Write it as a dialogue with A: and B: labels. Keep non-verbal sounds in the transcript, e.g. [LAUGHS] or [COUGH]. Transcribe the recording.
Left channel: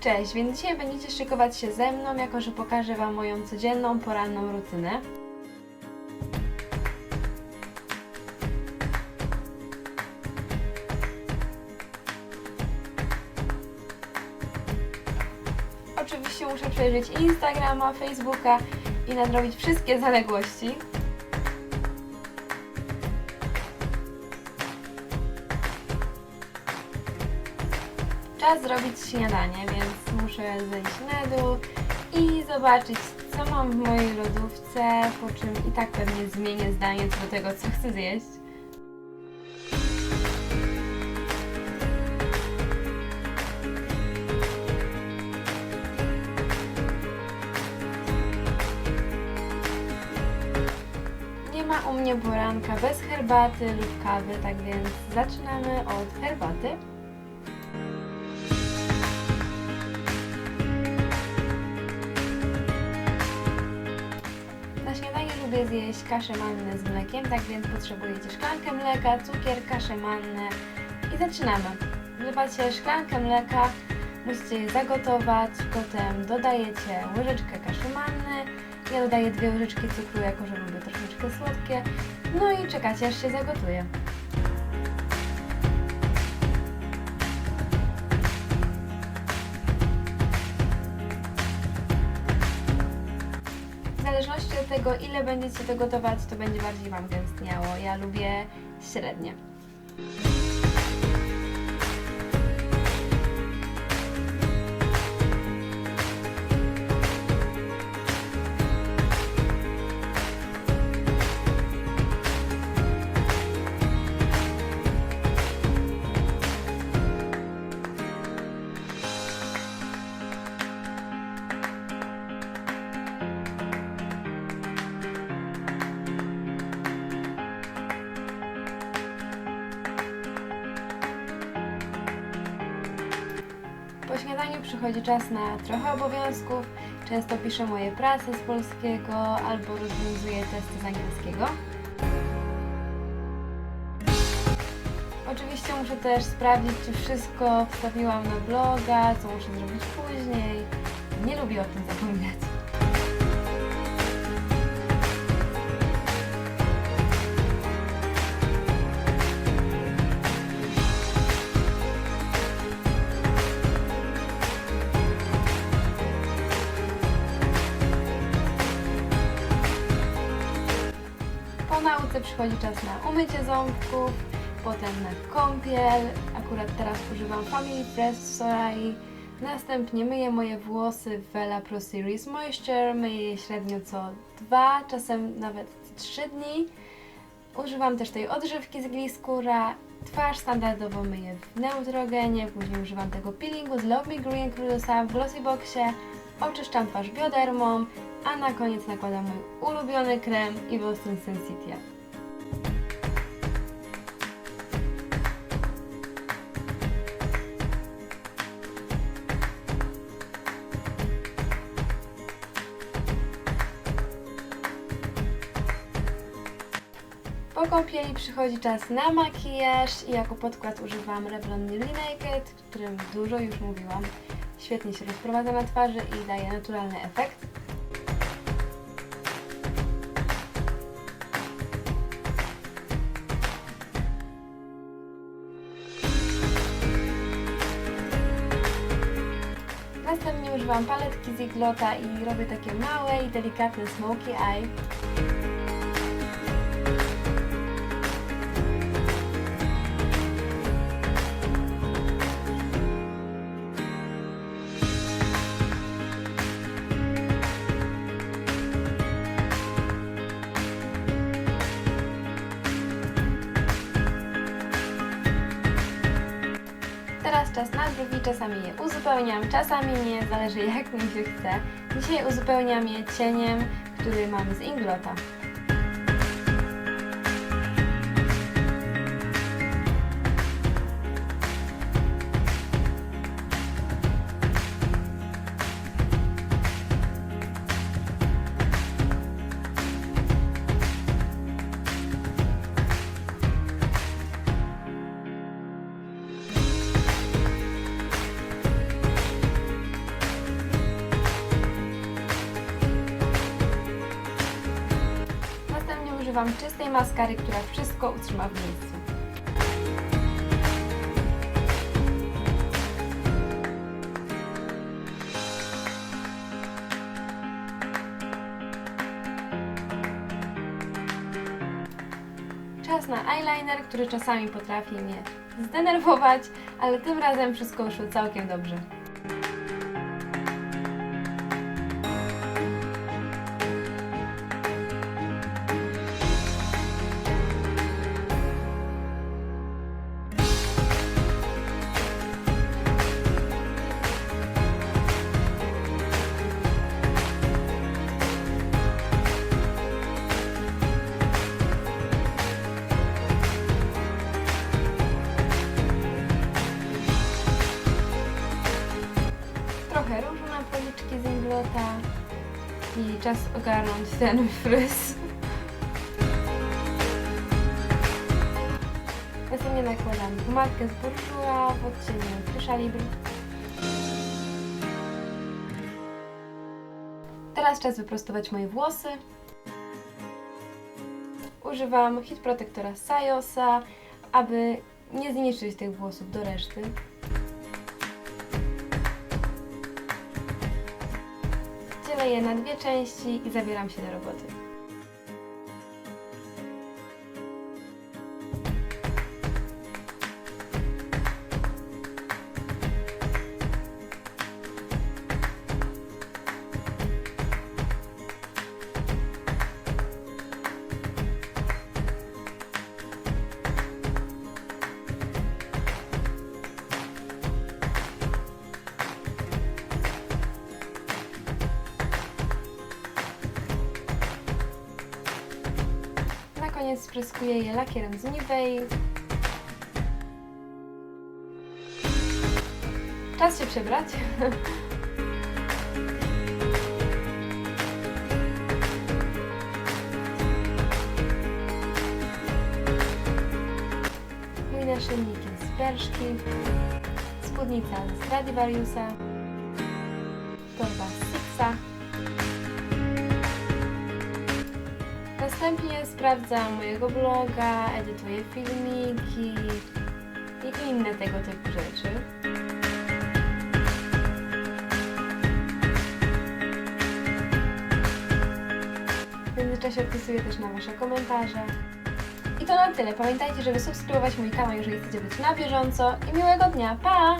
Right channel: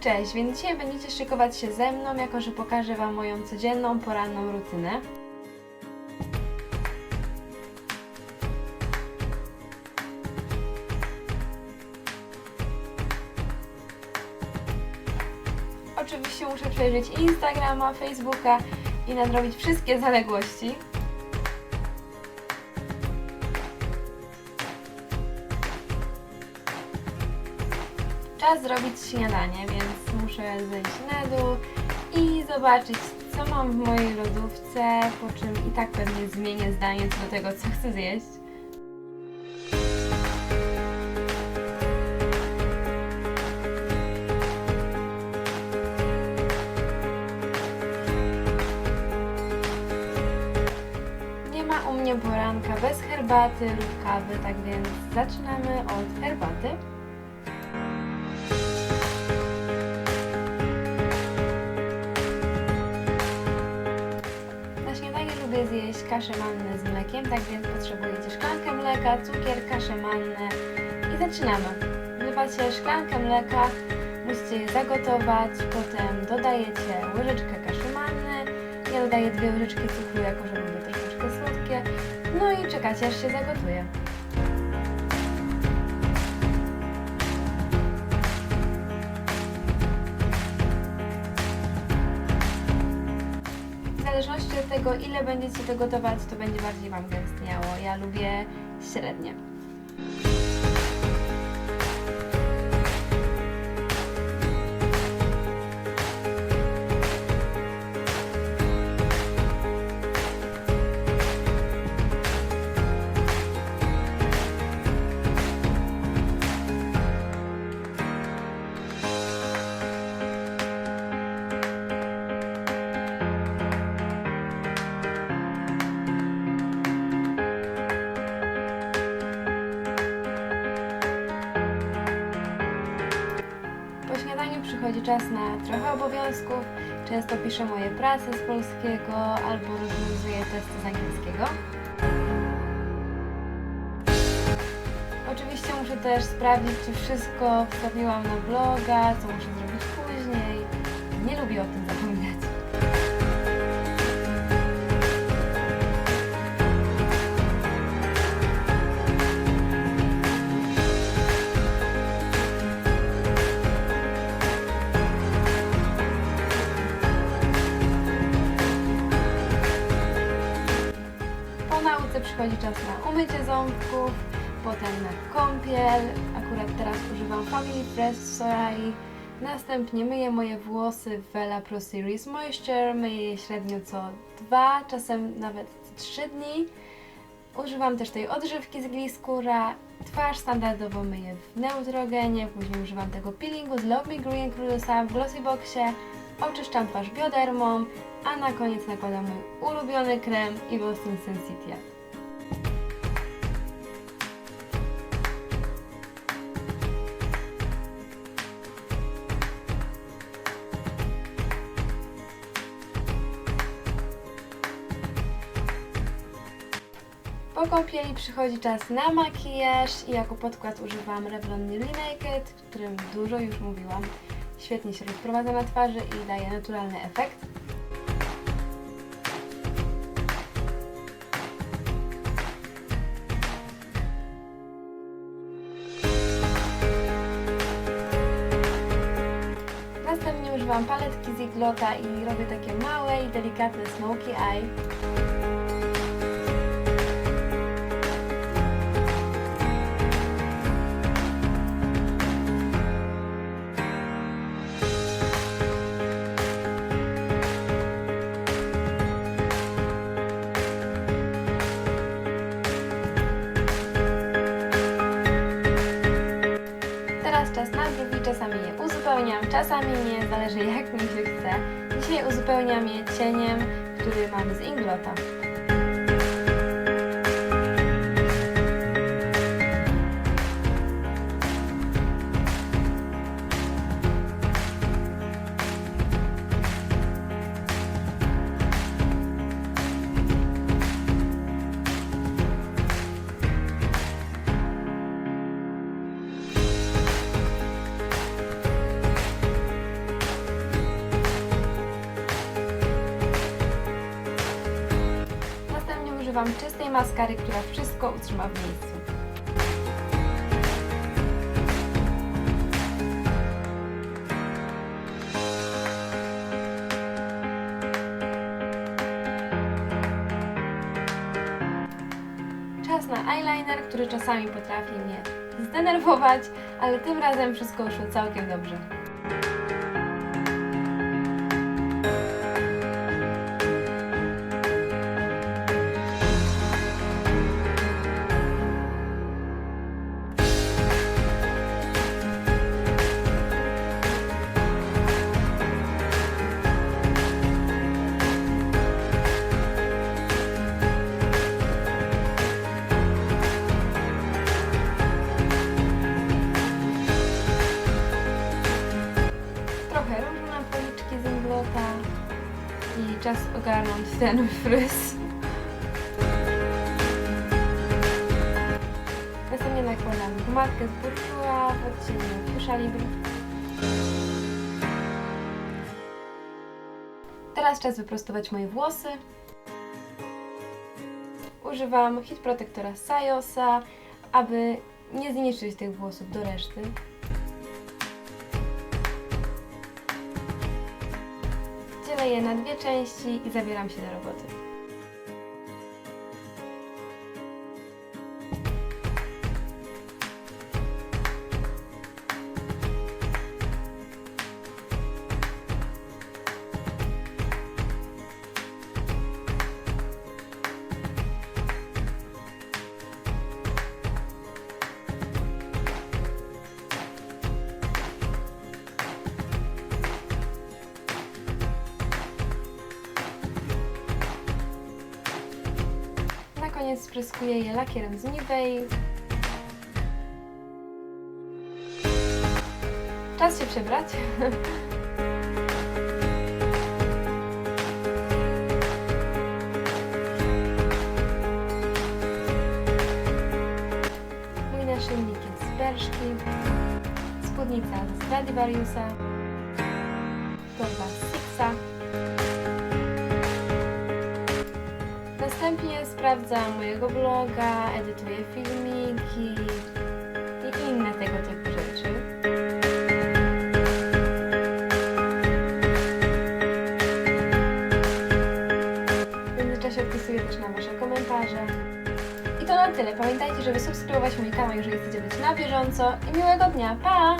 A: Cześć, więc dzisiaj będziecie szykować się ze mną, jako że pokażę Wam moją codzienną, poranną rutynę. Oczywiście muszę przejrzeć Instagrama, Facebooka i nadrobić wszystkie zaległości. Czas zrobić śniadanie, więc muszę zejść na dół i zobaczyć, co mam w mojej lodówce, po czym i tak pewnie zmienię zdanie co do tego, co chcę zjeść. Nie ma u mnie poranka bez herbaty lub kawy, tak więc zaczynamy od herbaty. Lubię zjeść kaszę mannę z mlekiem, tak więc potrzebujecie szklankę mleka, cukier, kaszę mannę i zaczynamy. Wlewacie szklankę mleka, musicie je zagotować, potem dodajecie łyżeczkę kaszy manny, ja dodaję dwie łyżeczki cukru, jako że lubię troszeczkę słodkie, no i czekacie aż się zagotuje. Zależności od tego, ile będziecie to gotować, to będzie bardziej Wam gęstniało. Ja lubię średnie. Po śniadaniu przychodzi czas na trochę obowiązków. Często piszę moje prace z polskiego albo rozwiązuję testy z angielskiego. Oczywiście muszę też sprawdzić, czy wszystko wstawiłam na bloga, co muszę zrobić później. Nie lubię o tym zapominać. Przychodzi czas na umycie ząbków, potem na kąpiel. Akurat teraz używam Family Fresh Sorai. Następnie myję moje włosy w Vela Pro Series Moisture. Myję je średnio co dwa, czasem nawet trzy dni. Używam też tej odżywki z Gliscura. Twarz standardowo myję w Neutrogenie, później używam tego peelingu z Love Me Green Crudosa w Glossyboxie. Oczyszczam twarz biodermą, a na koniec nakładam mój ulubiony krem Evil Skin Po kąpieli przychodzi czas na makijaż i jako podkład używam Revlon Nearly Naked, o którym dużo już mówiłam. Świetnie się rozprowadza na twarzy i daje naturalny efekt. Następnie używam paletki z Iglota i robię takie małe i delikatne smoky eye. Czas na brwi, czasami je uzupełniam, czasami nie, zależy jak mi się chce. Dzisiaj uzupełniam je cieniem, który mam z Inglota. Używam czystej maskary, która wszystko utrzyma w miejscu. Czas na eyeliner, który czasami potrafi mnie zdenerwować, ale tym razem wszystko szło całkiem dobrze. Na policzki z Inglota i czas ogarnąć ten fryz. Następnie nakładam pomadkę z Bourjois w odcieniu Fuchsia Libre. Teraz czas wyprostować moje włosy. Używam hit protektora Sayosa, aby nie zniszczyć tych włosów do reszty. Dzielę je na dwie części i zabieram się do roboty. Koniec spryskuję je lakierem z Nivei. Czas się przebrać. [LAUGHS] Mój naszyjnik jest z Berszki. Spódnica z Stradivariusa. Torba z Sixa. Następnie sprawdzam mojego bloga, edytuję filmiki i inne tego typu rzeczy. W międzyczasie odpisuję też na Wasze komentarze. I to na tyle. Pamiętajcie, żeby subskrybować mój kanał, jeżeli chcecie być na bieżąco. I miłego dnia. Pa!